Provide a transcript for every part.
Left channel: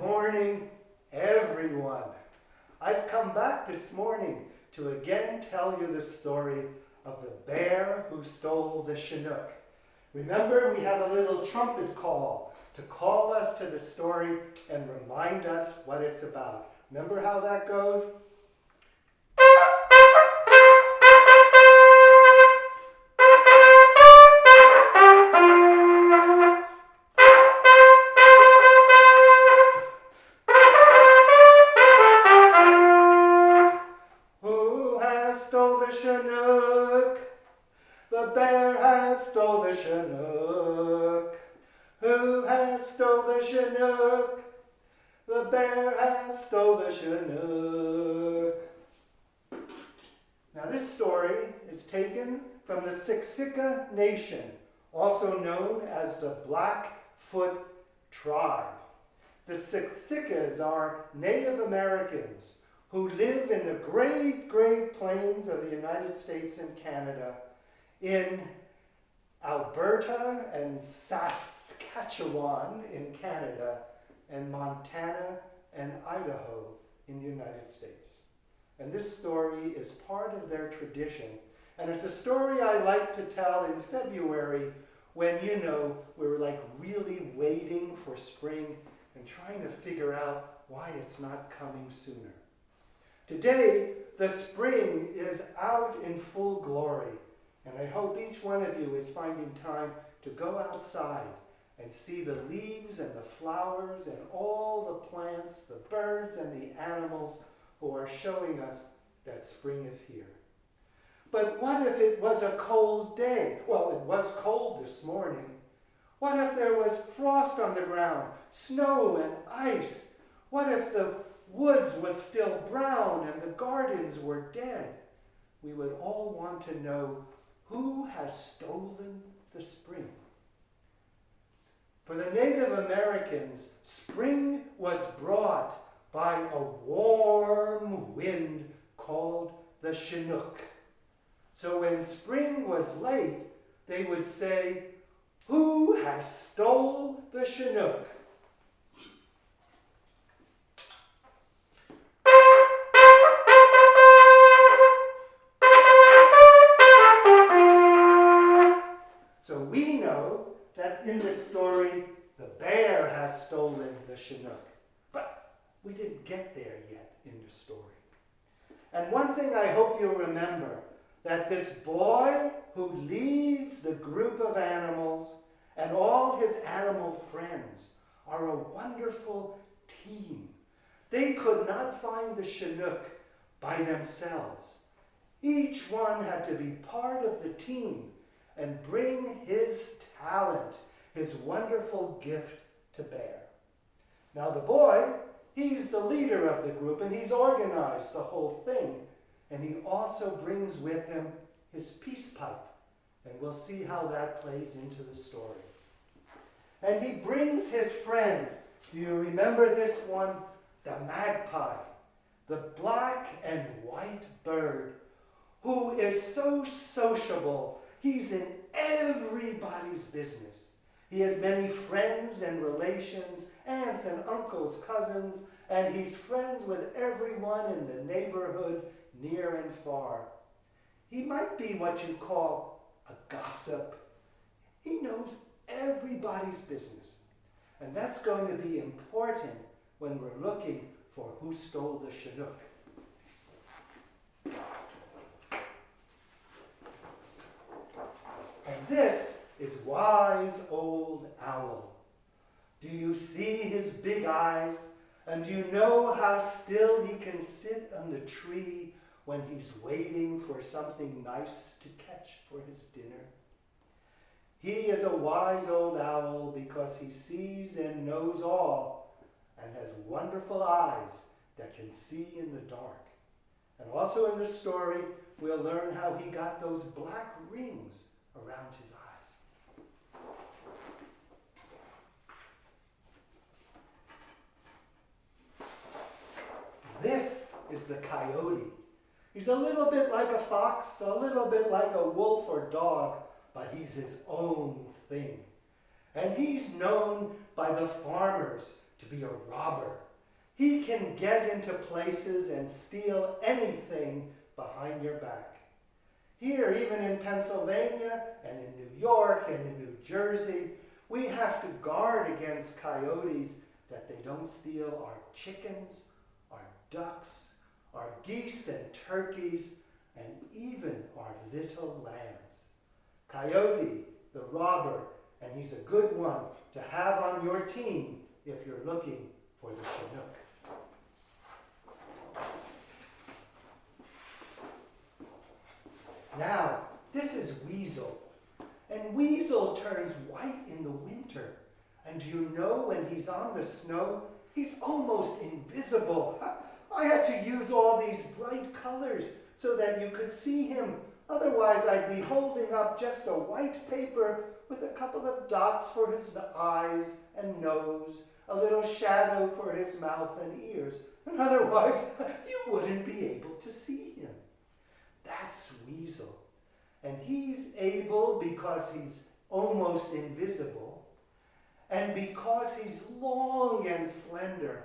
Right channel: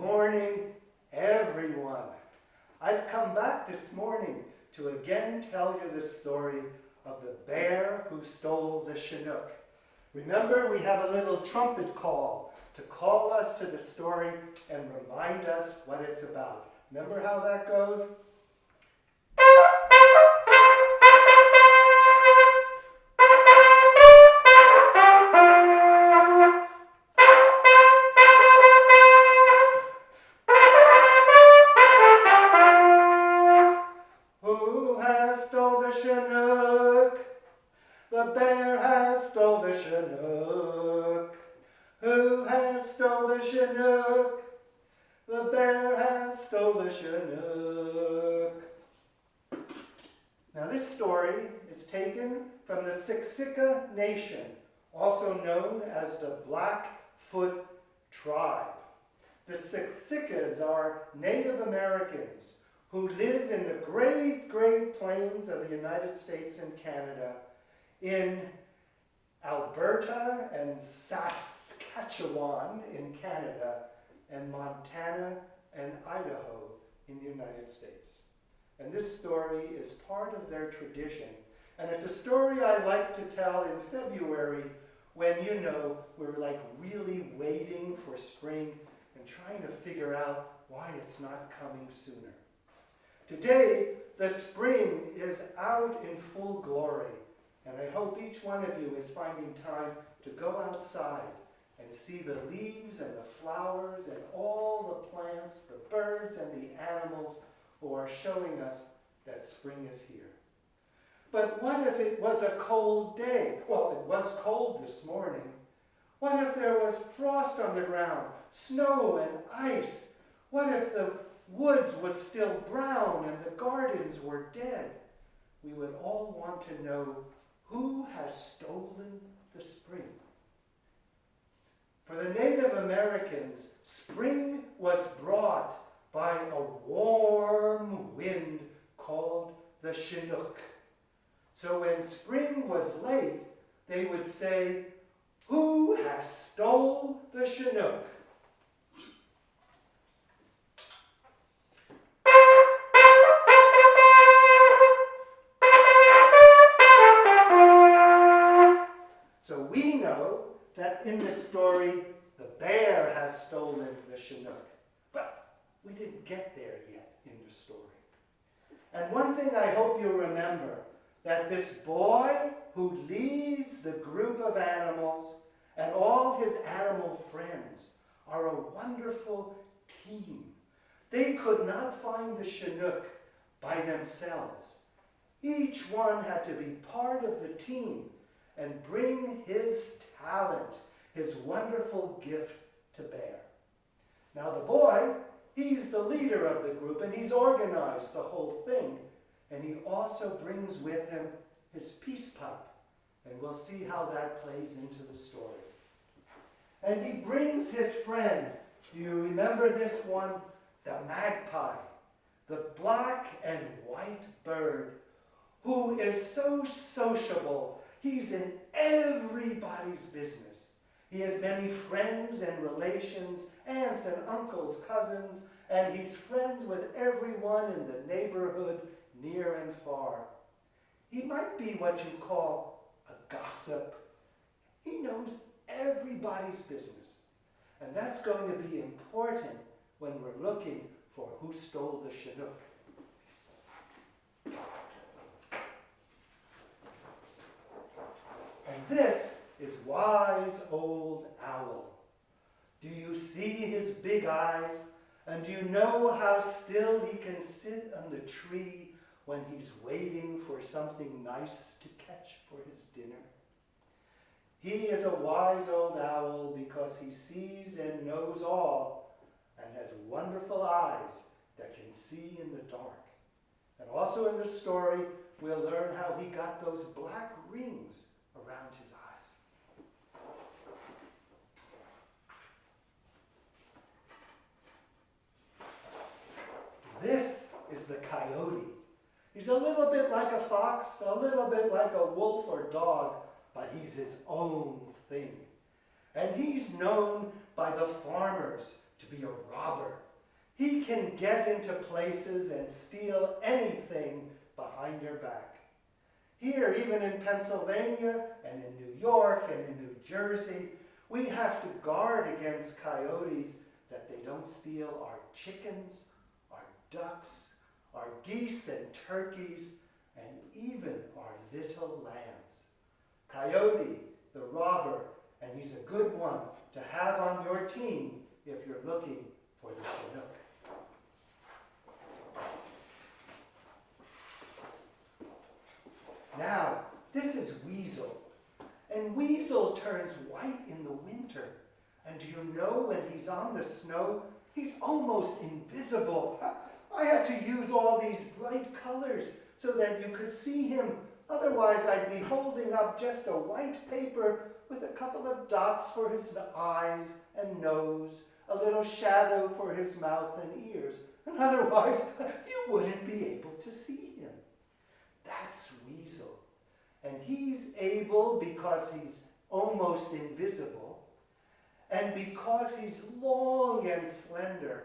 morning, everyone. I've come back this morning to again tell you the story of the bear who stole the Chinook. Remember, we have a little trumpet call to call us to the story and remind us what it's about. Remember how that goes? Who has stole the Chinook? The bear has stole the Chinook. Who has stole the Chinook? The bear has stole the Chinook. Now this story is taken from the Siksika Nation, also known as the Blackfoot Tribe. The Siksikas are Native Americans who live in the great plains of the United States and Canada, in Alberta and Saskatchewan in Canada, and Montana and Idaho in the United States. And this story is part of their tradition. And it's a story I like to tell in February when, we're like really waiting for spring and trying to figure out why it's not coming sooner. Today, the spring is out in full glory, and I hope each one of you is finding time to go outside and see the leaves and the flowers and all the plants, the birds and the animals who are showing us that spring is here. But what if it was a cold day? Well, it was cold this morning. What if there was frost on the ground, snow and ice? What if the woods was still brown and the gardens were dead? We would all want to know who has stolen the spring. For the Native Americans, spring was brought by a warm wind called the Chinook. So when spring was late, they would say, "Who has stole the Chinook?" So we know that in this story, the bear has stolen the Chinook. But we didn't get there yet in the story. And one thing I hope you'll remember, that this boy who leads the group of animals and all his animal friends are a wonderful team. They could not find the Chinook by themselves. Each one had to be part of the team and bring his talent, his wonderful gift to bear. Now the boy, he's the leader of the group and he's organized the whole thing. And he also brings with him his peace pipe. And we'll see how that plays into the story. And he brings his friend. Do you remember this one? The magpie, the black and white bird, who is so sociable. He's in everybody's business. He has many friends and relations, aunts and uncles, cousins, and he's friends with everyone in the neighborhood, near and far. He might be what you call a gossip. He knows everybody's business. And that's going to be important when we're looking for who stole the Chinook. And this is wise old owl. Do you see his big eyes? And do you know how still he can sit on the tree when he's waiting for something nice to catch for his dinner? He is a wise old owl because he sees and knows all and has wonderful eyes that can see in the dark. And also in this story, we'll learn how he got those black rings around his eyes. This is the coyote. He's a little bit like a fox, a little bit like a wolf or dog, but he's his own thing. And he's known by the farmers to be a robber. He can get into places and steal anything behind your back. Here, even in Pennsylvania and in New York and in New Jersey, we have to guard against coyotes that they don't steal our chickens, our ducks, our geese and turkeys, and even our little lambs. Coyote, the robber, and he's a good one to have on your team if you're looking for the Chinook. Now, this is Weasel, and Weasel turns white in the winter. And do you know when he's on the snow, he's almost invisible. I had to use all these bright colors so that you could see him. Otherwise, I'd be holding up just a white paper with a couple of dots for his eyes and nose, a little shadow for his mouth and ears. And otherwise, you wouldn't be able to see him. That's Weasel. And he's able, because he's almost invisible, and because he's long and slender,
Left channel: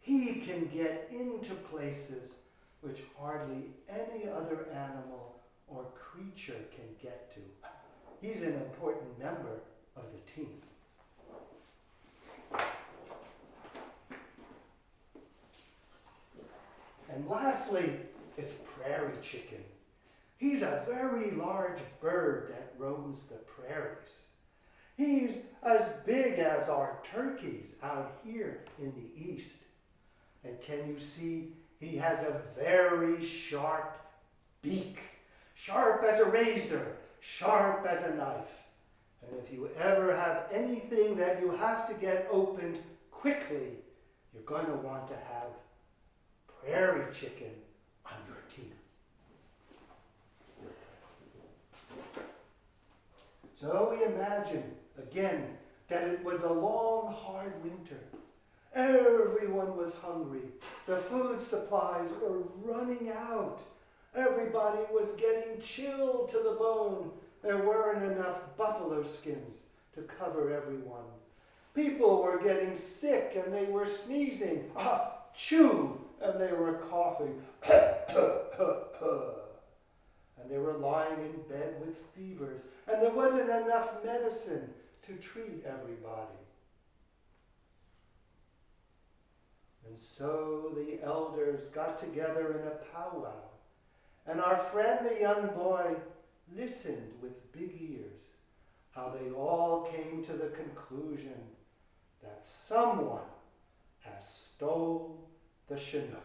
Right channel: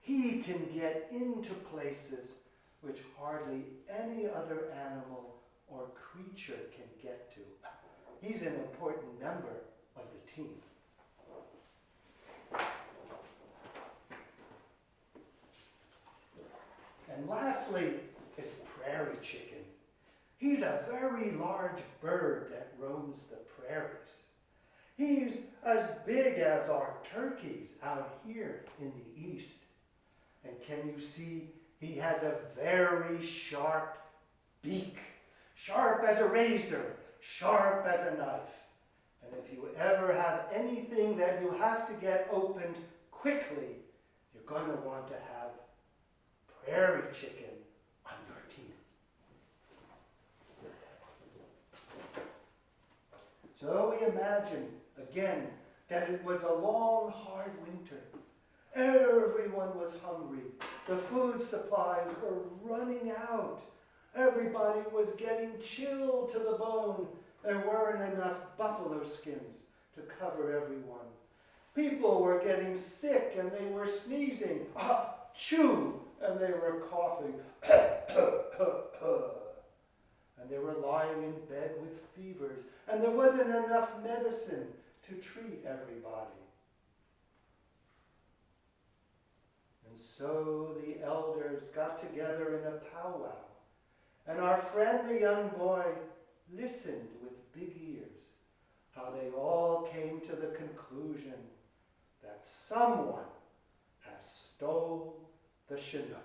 he can get into places which hardly any other animal or creature can get to. He's an important member of the team. And lastly is Prairie Chicken. He's a very large bird that roams the prairies. He's as big as our turkeys out here in the east. And can you see he has a very sharp beak, sharp as a razor, sharp as a knife. And if you ever have anything that you have to get opened quickly, you're going to want to have Prairie Chicken on your team. So we imagine, again, that it was a long, hard winter. Everyone was hungry. The food supplies were running out. Everybody was getting chilled to the bone. There weren't enough buffalo skins to cover everyone. People were getting sick and they were sneezing. Achoo! And they were coughing. And they were lying in bed with fevers. And there wasn't enough medicine to treat everybody. And so the elders got together in a powwow. And our friend, the young boy, listened with big ears, how they all came to the conclusion that someone has stole the Chinook.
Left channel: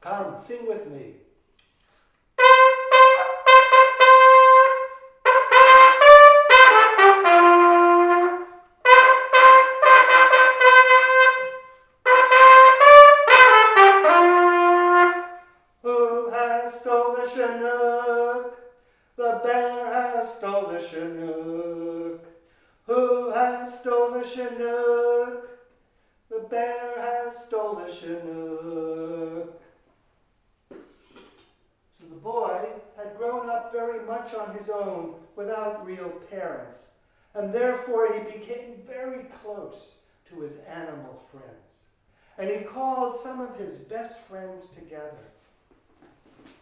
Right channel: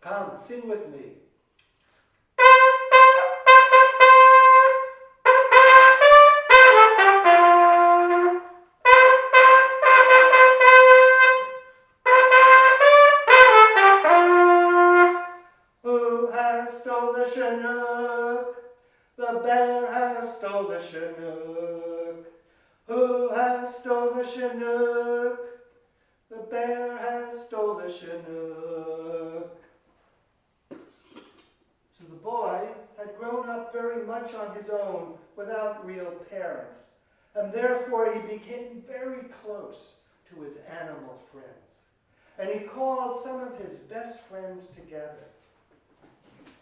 Come, sing with me. Who has stole the Chinook? The bear has stole the Chinook. Who has stole the Chinook? The bear has stole the Chinook. So the boy had grown up very much on his own without real parents, and therefore he became very close to his animal friends. And he called some of his best friends together.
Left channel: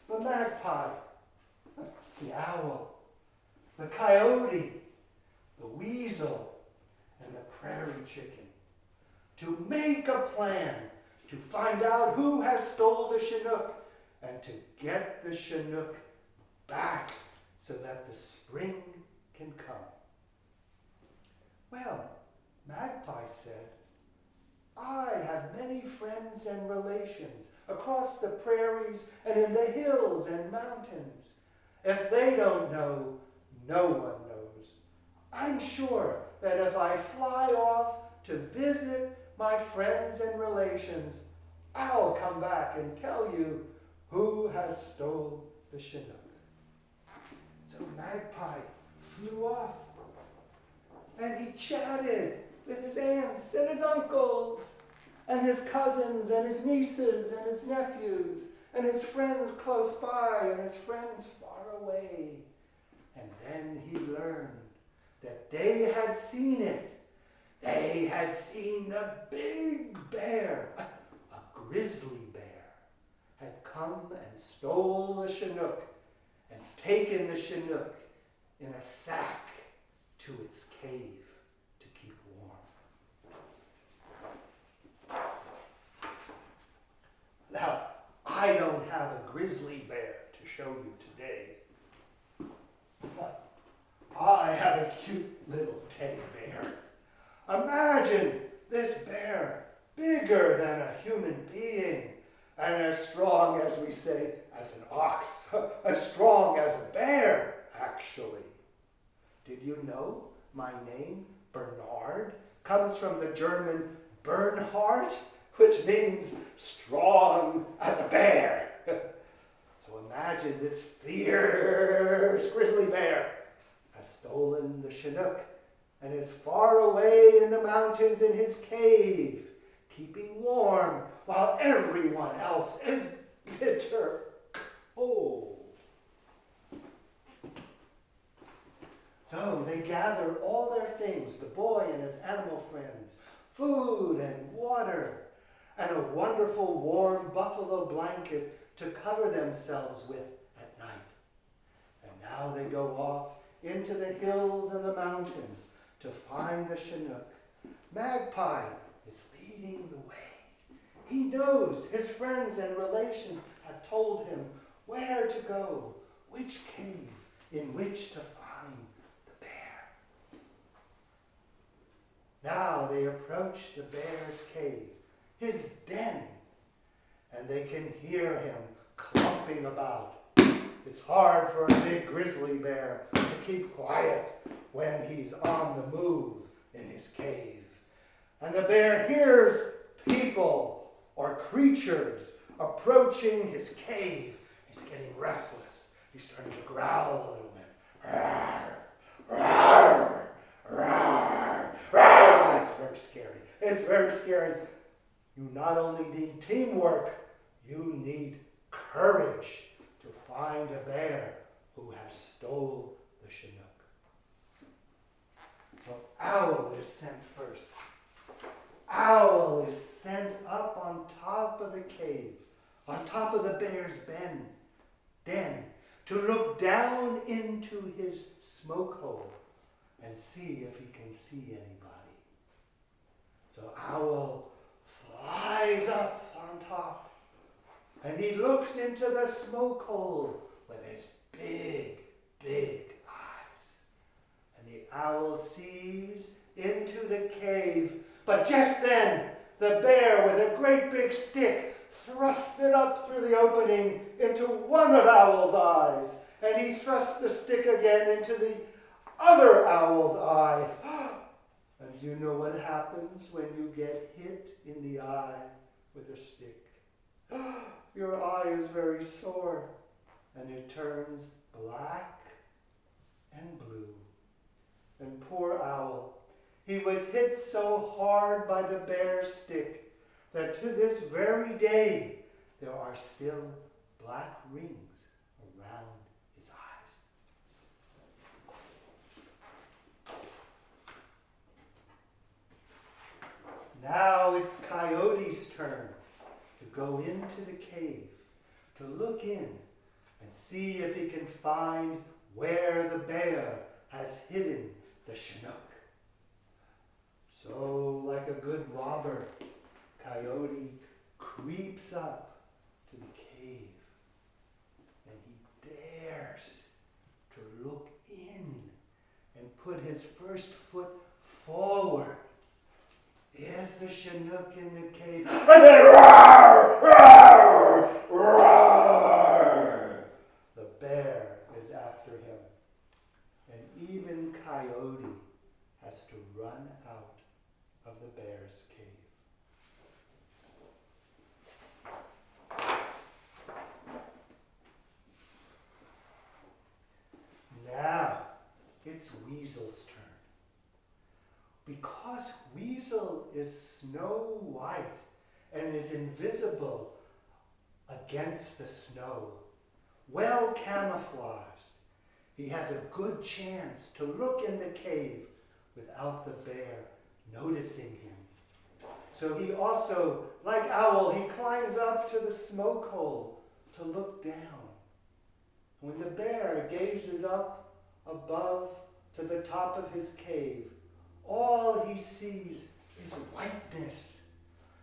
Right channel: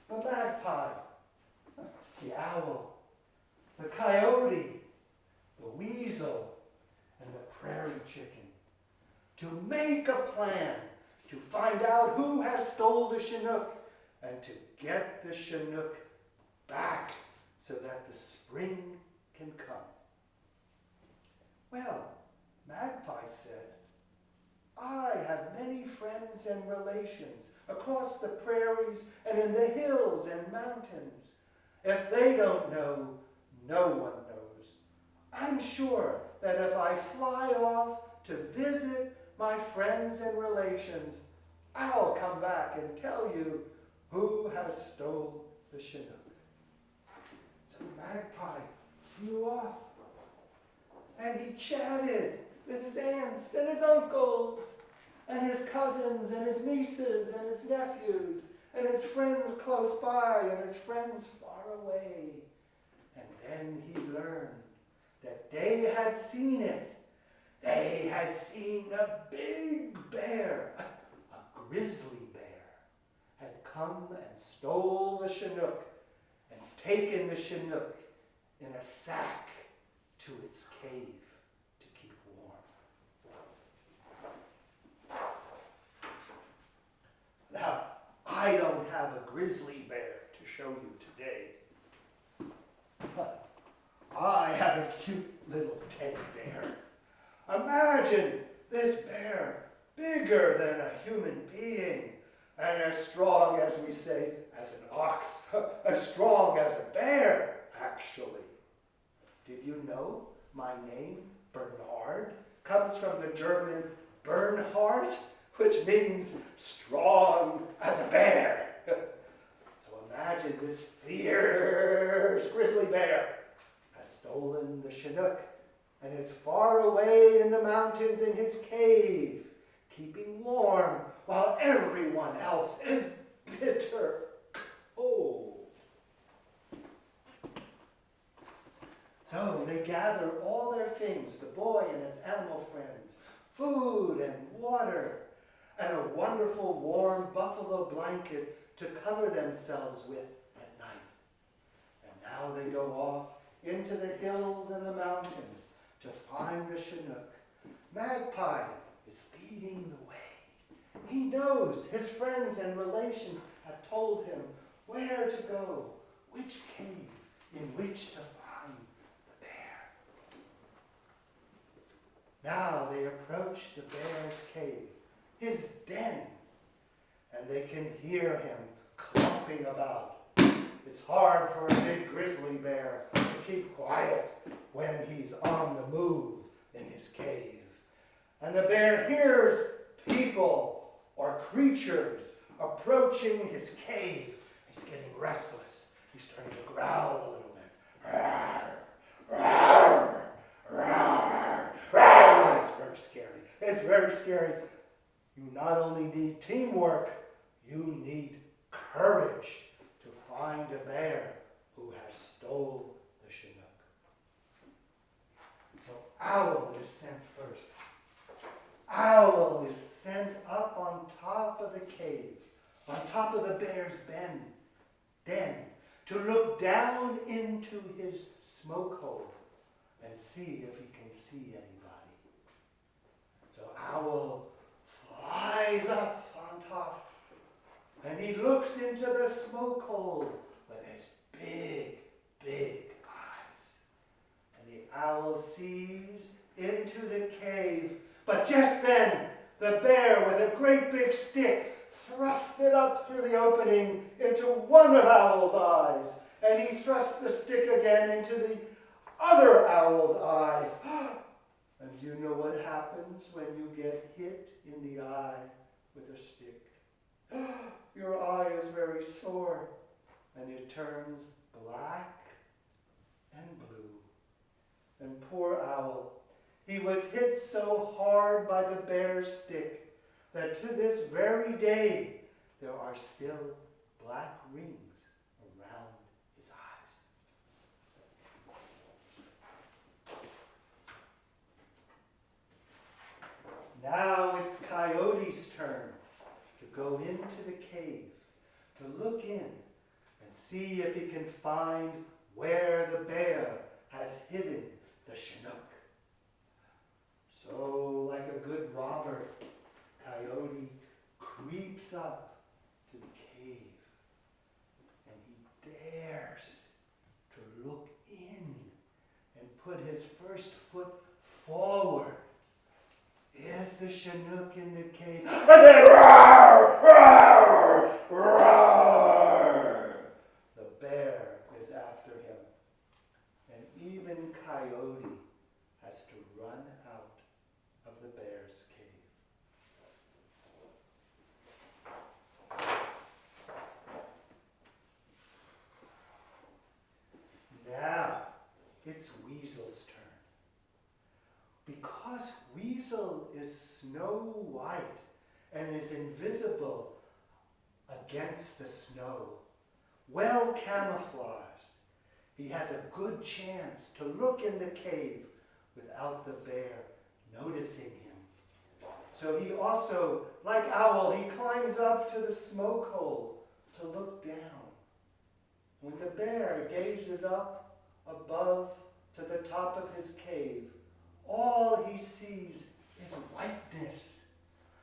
The magpie, the owl, the coyote, the weasel, and the prairie chicken, to make a plan to find out who has stole the Chinook and to get the Chinook back so that the spring can come. Well, Magpie said, I have many friends and relations across the prairies and in the hills and mountains. If they don't know, no one knows. I'm sure that if I fly off to visit my friends and relations, I'll come back and tell you who has stole the Chinook. So Magpie flew off, and he chatted with his aunts and his uncles and his cousins and his nieces and his nephews and his friends close by and his friends far away. And then he learned that they had seen it They had seen a big bear, a grizzly bear, had come and stole the Chinook and taken the Chinook in a sack to its cave to keep warm. Now, I don't have a grizzly bear to show you today, but I have a cute little teddy bear. Imagine this bear, bigger than a human being, and as strong, as we say, as an ox, as strong as a bear, actually. Did you know my name, Bernard, comes from the German Bernhard, which means strong as a bear? So imagine this fierce grizzly bear has stolen the Chinook and is far away in the mountains in his cave, keeping warm while everyone else is bitter cold. So they gather all their things, the boy and his animal friends, food and water, and a wonderful warm buffalo blanket to cover themselves with at night. And now they go off into the hills and the mountains to find the Chinook. Magpie is leading the way. He knows his friends and relations have told him where to go, which cave in which to find the bear. Now they approach the bear's cave, his den, and they can hear him clumping about. It's hard for a big grizzly bear to keep quiet when he's on the move in his cave. And the bear hears people or creatures approaching his cave. He's getting restless. He's starting to growl a little bit. Rawr, rawr, rawr, rawr. It's very scary. It's very scary. You not only need teamwork, you need courage to find a bear who has stole the Chinook. So Owl is sent first. Owl is sent up on top of the cave, on top of the bear's den, to look down into his smoke hole and see if he can see anybody. So Owl flies up on top, and he looks into the smoke hole with his big, big eyes. And the owl sees into the cave, but just then the bear with a great big stick thrusts it up through the opening into one of Owl's eyes, and he thrusts the stick again into the other owl's eye. And you know what happens when you get hit in the eye with a stick? Your eye is very sore, and it turns black and blue. And poor Owl, he was hit so hard by the bear's stick that to this very day there are still black rings around his eyes. Now it's Coyote's turn to go into the cave, to look in and see if he can find where the bear has hidden the Chinook. So, like a good robber, Coyote creeps up to the cave, and he dares to look in and put his first foot forward. Is the Chinook in the cave? And then roar, roar, roar! The bear is after him. And even Coyote has to run out of the bear's cave. Now it's Weasel's turn. Because Weasel is snow white and is invisible against the snow, well camouflaged, he has a good chance to look in the cave without the bear noticing him. So he also, like Owl, he climbs up to the smoke hole to look down. When the bear gazes up above to the top of his cave, all he sees is whiteness.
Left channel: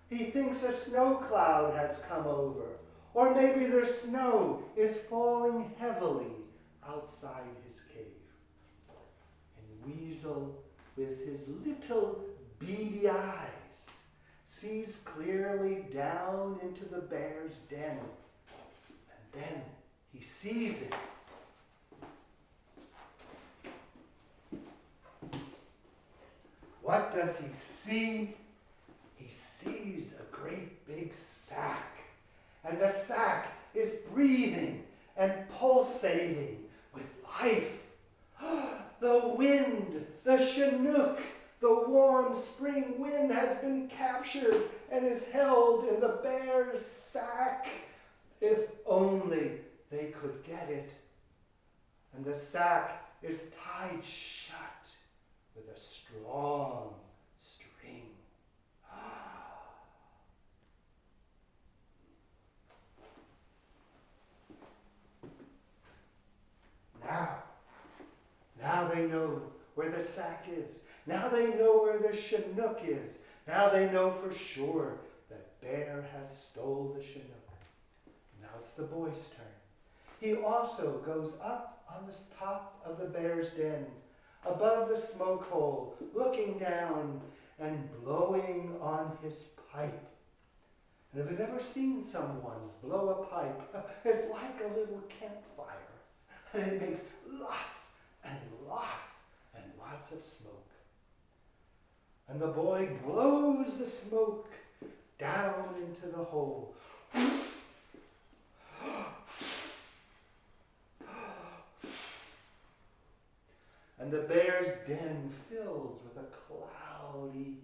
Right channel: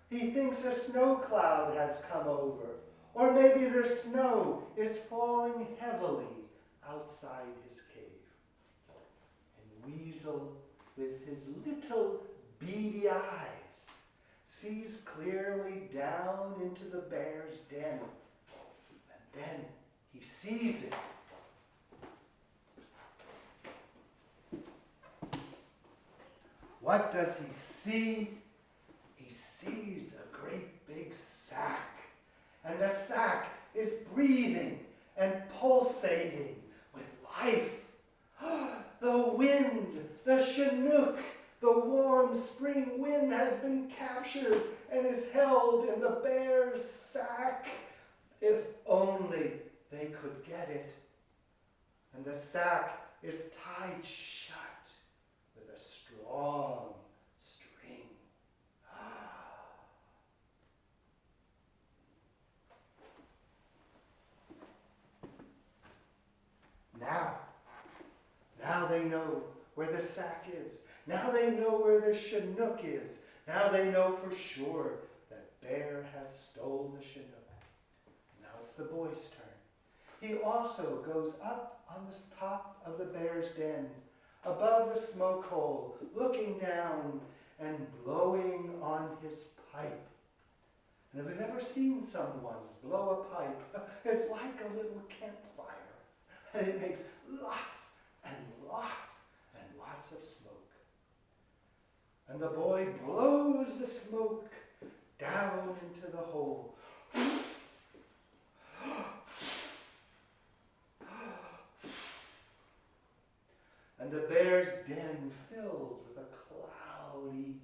He thinks a snow cloud has come over, or maybe the snow is falling heavily outside his cave. And Weasel, with his little beady eyes, sees clearly down into the bear's den. And then he sees it. What does he see? He sees a great big sack. And the sack is breathing and pulsating with life. The wind, the Chinook, the warm spring wind has been captured and is held in the bear's sack. If only they could get it. And the sack is tied shut with a strong string. Now they know where the sack is. Now they know where the Chinook is. Now they know for sure that Bear has stole the Chinook. Now it's the boy's turn. He also goes up on the top of the bear's den, above the smoke hole, looking down and blowing on his pipe. And if you've ever seen someone blow a pipe, it's like a little campfire. And it makes lots and lots and lots of smoke. And the boy blows the smoke down into the hole. And the bear's den fills with a cloudy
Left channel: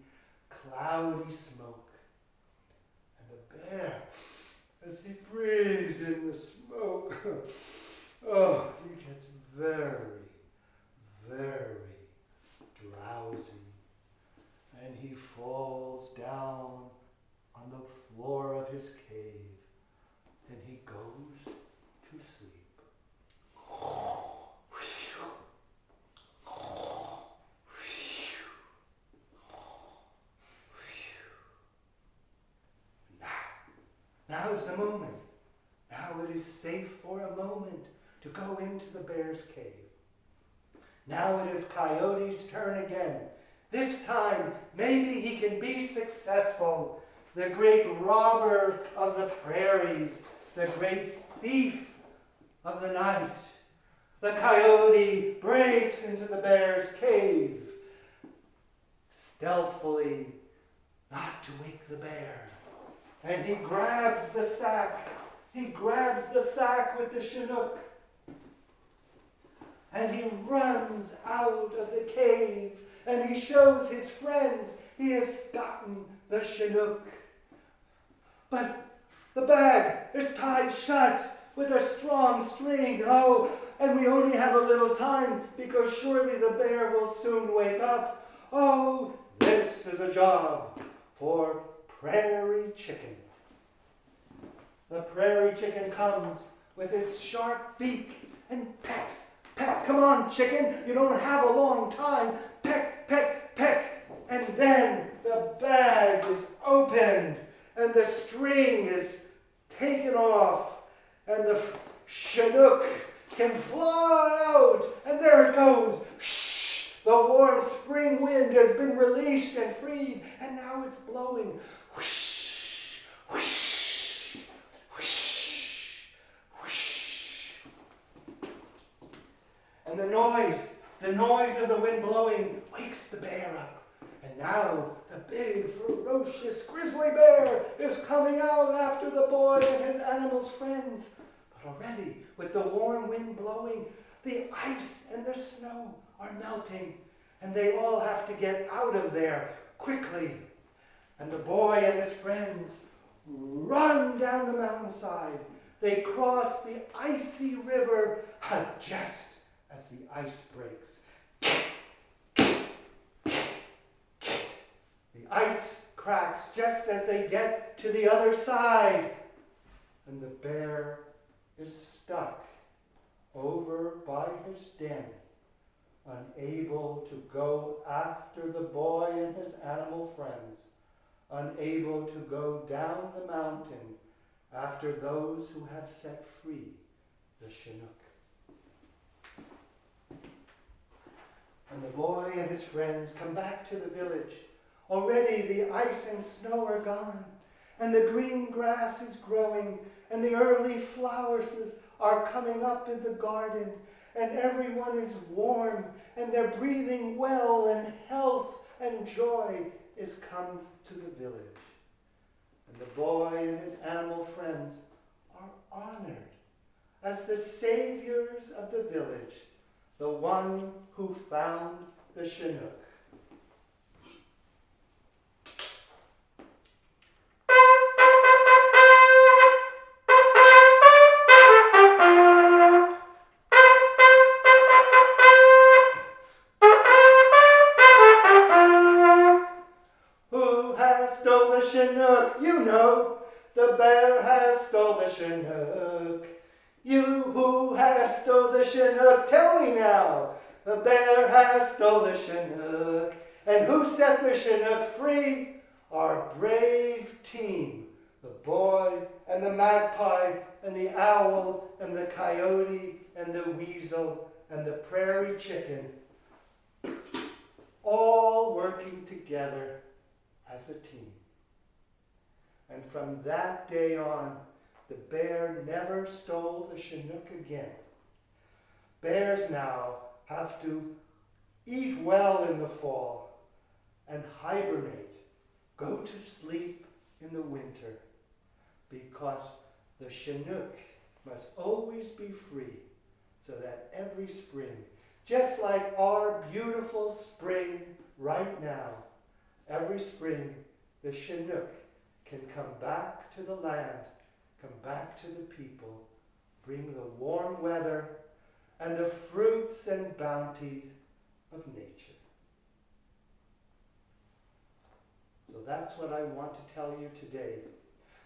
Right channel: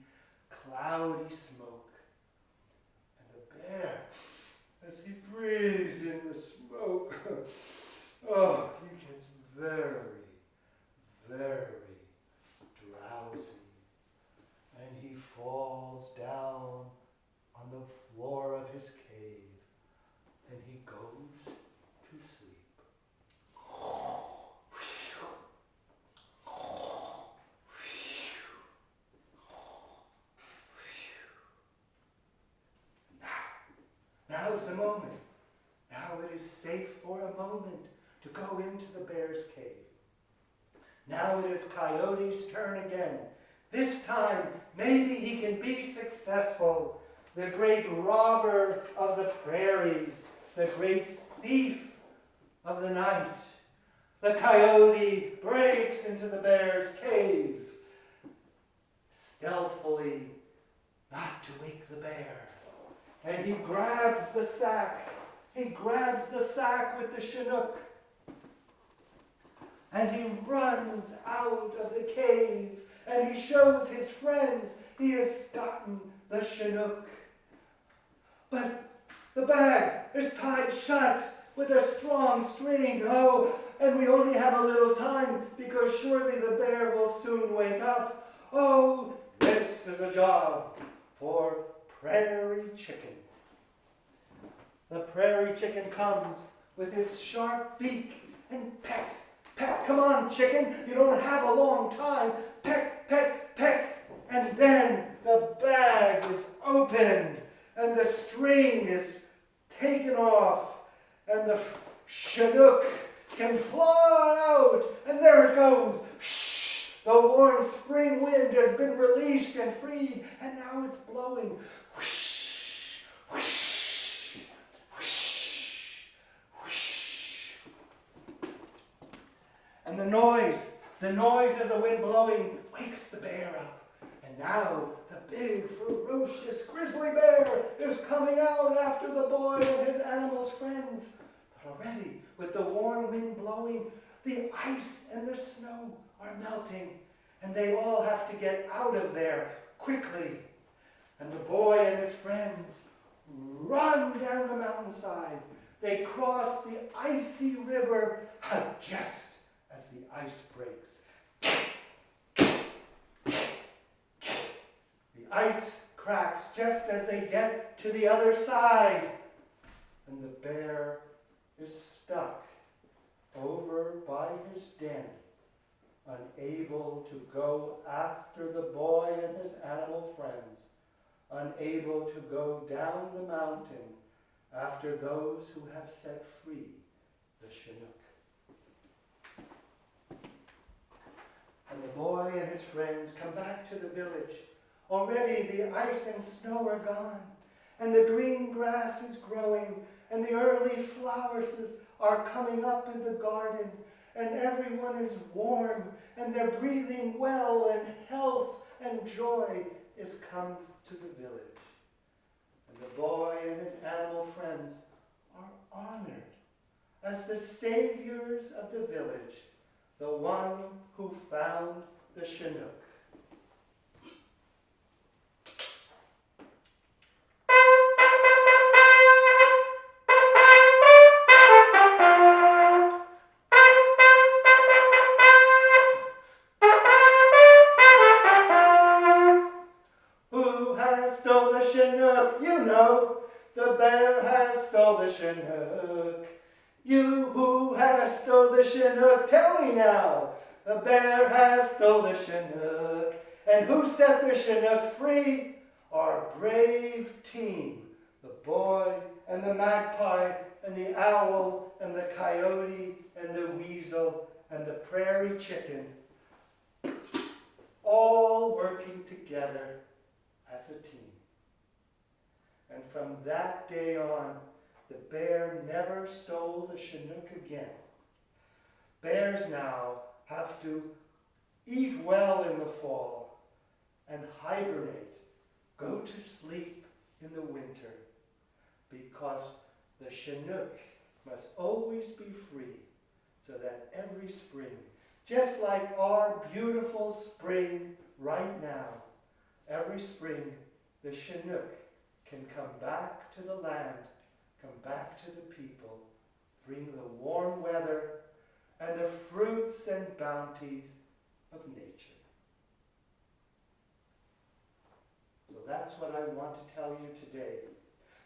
smoke. And the bear, as he breathes in the smoke, he gets very, very drowsy. And he falls down on the floor of his cave, and he goes to sleep. Now is the moment. Now it is safe for a moment to go into the bear's cave. Now it is Coyote's turn again. This time, maybe he can be successful. The great robber of the prairies, the great thief of the night. The coyote breaks into the bear's cave, stealthily, not to wake the bear. And he grabs the sack. He grabs the sack with the Chinook. And he runs out of the cave. And he shows his friends he has gotten the Chinook. But the bag is tied shut with a strong string. Oh, and we only have a little time because surely the bear will soon wake up. Oh, this is a job for Prairie Chicken. The prairie chicken comes with its sharp beak and pecks. Pecks, come on, chicken, you don't have a long time. Peck, peck, peck. And then the bag is opened and the string is taken off and the Chinook can fly out. And there it goes. Shh! The warm spring wind has been released and freed, and now it's blowing. Whoosh, whoosh, whoosh, whoosh. And the noise of the wind blowing wakes the bear up. And now the big, ferocious grizzly bear is coming out after the boy and his animals' friends. But already, with the warm wind blowing, the ice and the snow are melting, and they all have to get out of there quickly. And the boy and his friends run down the mountainside. They cross the icy river just as the ice breaks. ice cracks just as they get to the other side. And the bear is stuck over by his den, unable to go after the boy and his animal friends, unable to go down the mountain after those who have set free the Chinook. And the boy and his friends come back to the village. Already the ice and snow are gone, and the green grass is growing, and the early flowers are coming up in the garden, and everyone is warm, and they're breathing well, and health and joy is come to the village. And the boy and his animal friends are honored as the saviors of the village, the one who found the Chinook. Who has stole the Chinook? You know, the bear has stole the Chinook. You who has stole the Chinook, tell me now. The bear has stole the Chinook. And who set the Chinook free? Our brave team. The boy and the magpie and the owl and the coyote and the weasel and the prairie chicken. All working together as a team. And from that day on, the bear never stole the Chinook again. Bears now have to eat well in the fall and hibernate, go to sleep in the winter, because the Chinook must always be free, so that every spring, just like our beautiful spring right now, every spring the Chinook can come back to the land, come back to the people, bring the warm weather and the fruits and bounties of nature. So that's what I want to tell you today.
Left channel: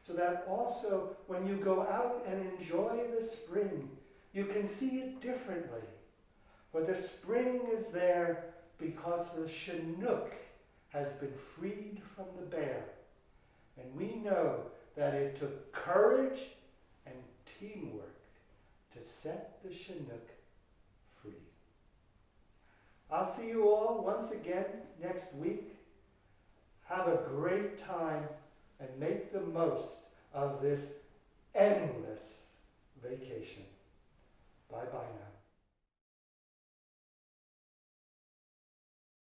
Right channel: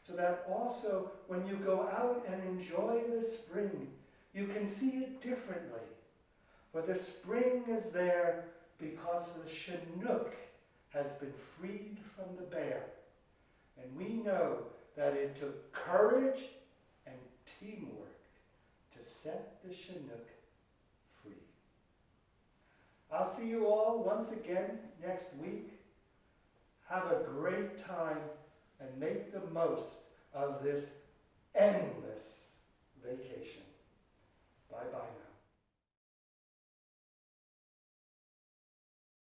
So that also when you go out and enjoy the spring, you can see it differently. For the spring is there because the Chinook has been freed from the bear. And we know that it took courage and teamwork to set the Chinook free. I'll see you all once again next week. Have a great time and make the most of this endless vacation. Bye-bye now.